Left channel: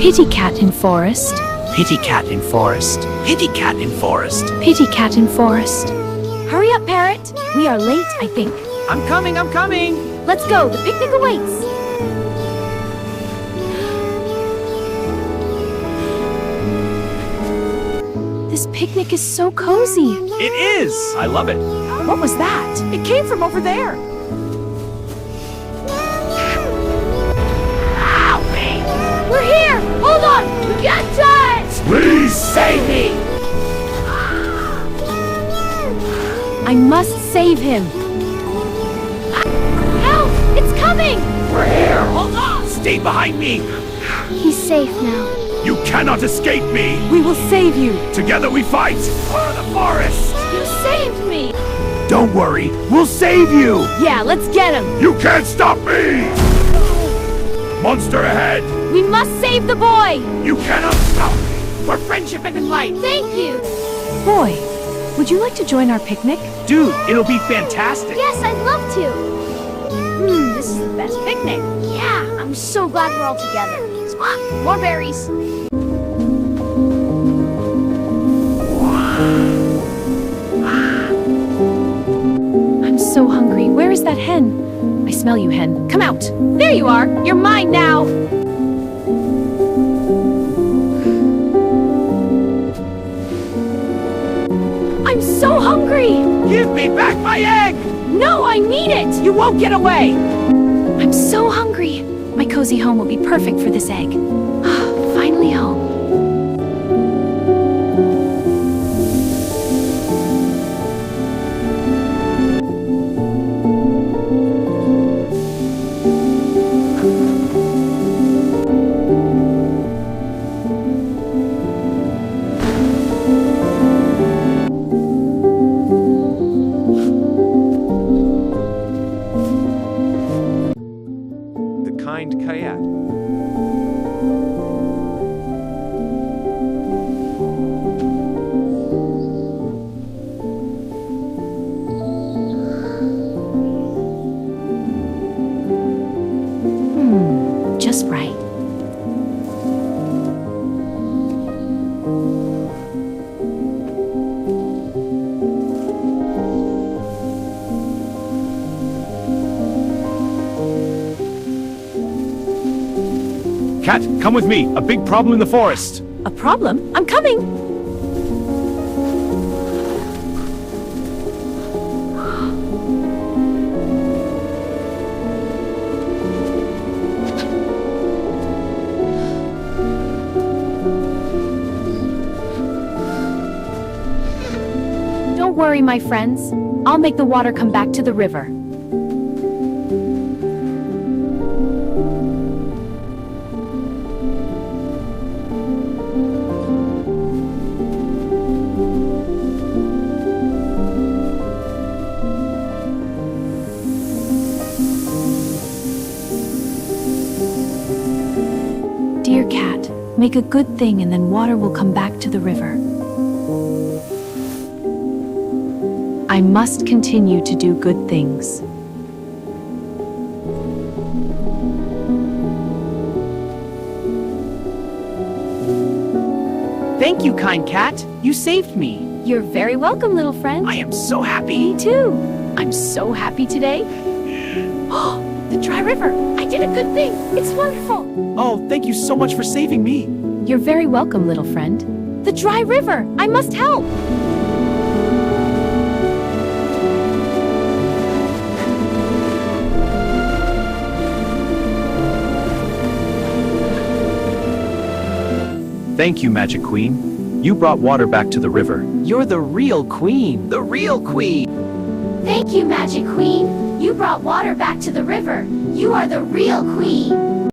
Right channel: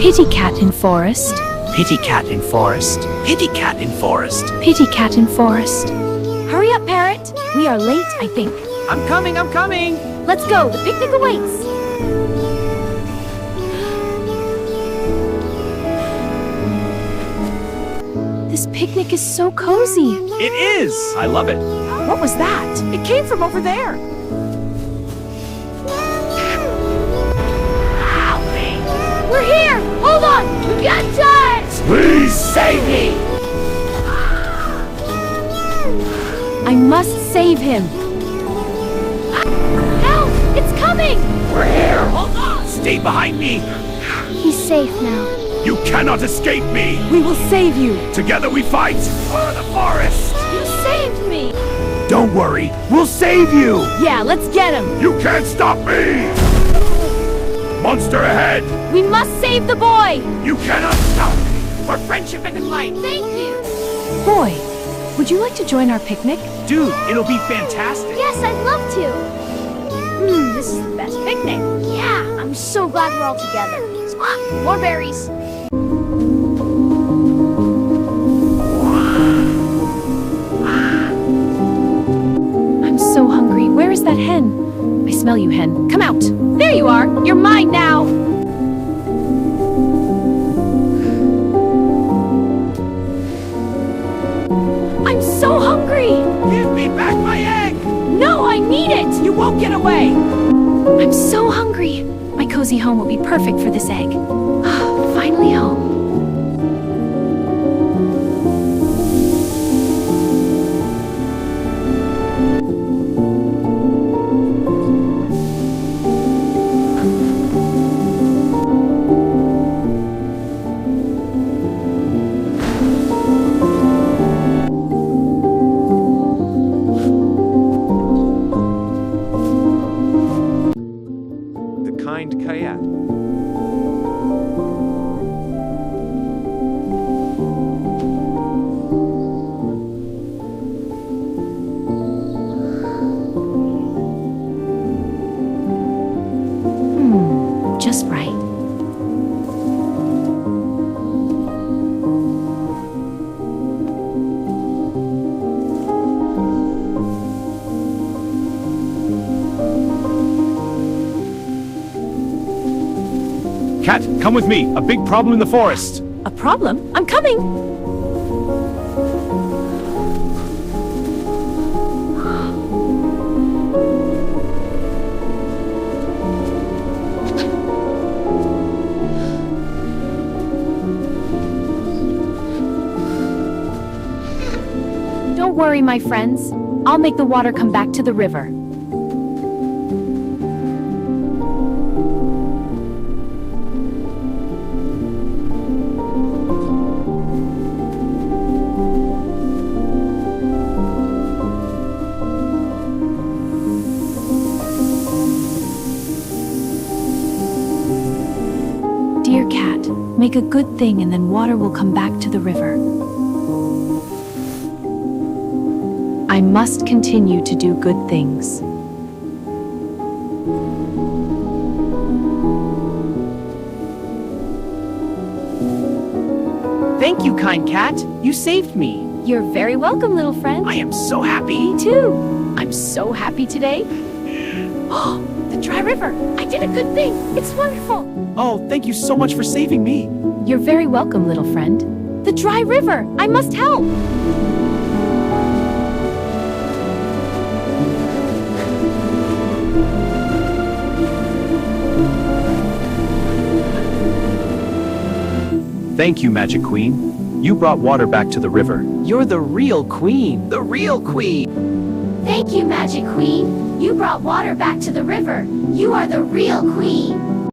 Pitty cat in forest. Pitty cat in forest. Pitty cat in forest. Pitty cat in forest. Hurry up, Parrot. We are late, I think. I'm coming, I'm coming! Let's go. The picnic awaits. This picnic is so cozy. It is! I love it. What was that? It came from over there. We're here! Hold on! We got time! Please save me! I must save him. Help! It's coming! We're here! Hold on! Stay behind me! He's safe now. You cannot escape me! We will save you. Together we fight for the forest! You saved me. Don't worry, we'll save you! Yeah, let's get him. You can't stop me! Monster ahead! We must save the boy. You cannot stop me! For friendship and life! Thank you. Boy, would you like to join our picnic? Dude, it'll be fantastic. Yes, I'd love to. This is the best picnic. Yeah, I'm so glad we're all together. Squawk, more berries. I'm so hungry. Where is that hen? I smell you, hen. Come out. There you are. You're mine now. I'm so hungry. Give me back my egg! No, I need it. You won't get away! I'm so hungry. My cozy home will be perfect for this egg. Finally home. The kind Kayat. Just right. Cat, come with me. A big problem in the forest. A problem? I'm coming. Don't worry, my friends. I'll make the water come back to the river. Dear cat, make a good thing and then water will come back to the river. I must continue to do good things. Thank you, kind cat. You saved me. You're very welcome, little friend. I am so happy. Me too. I'm so happy today. Oh, the dry river. I did a good thing. It's wonderful. Oh, thank you so much for saving me. You're very welcome, little friend. The dry river. I must help. Thank you, Magic Queen. You brought water back to the river. You're the real queen. The real queen. Thank you, Magic Queen. You brought water back to the river. You are the real queen.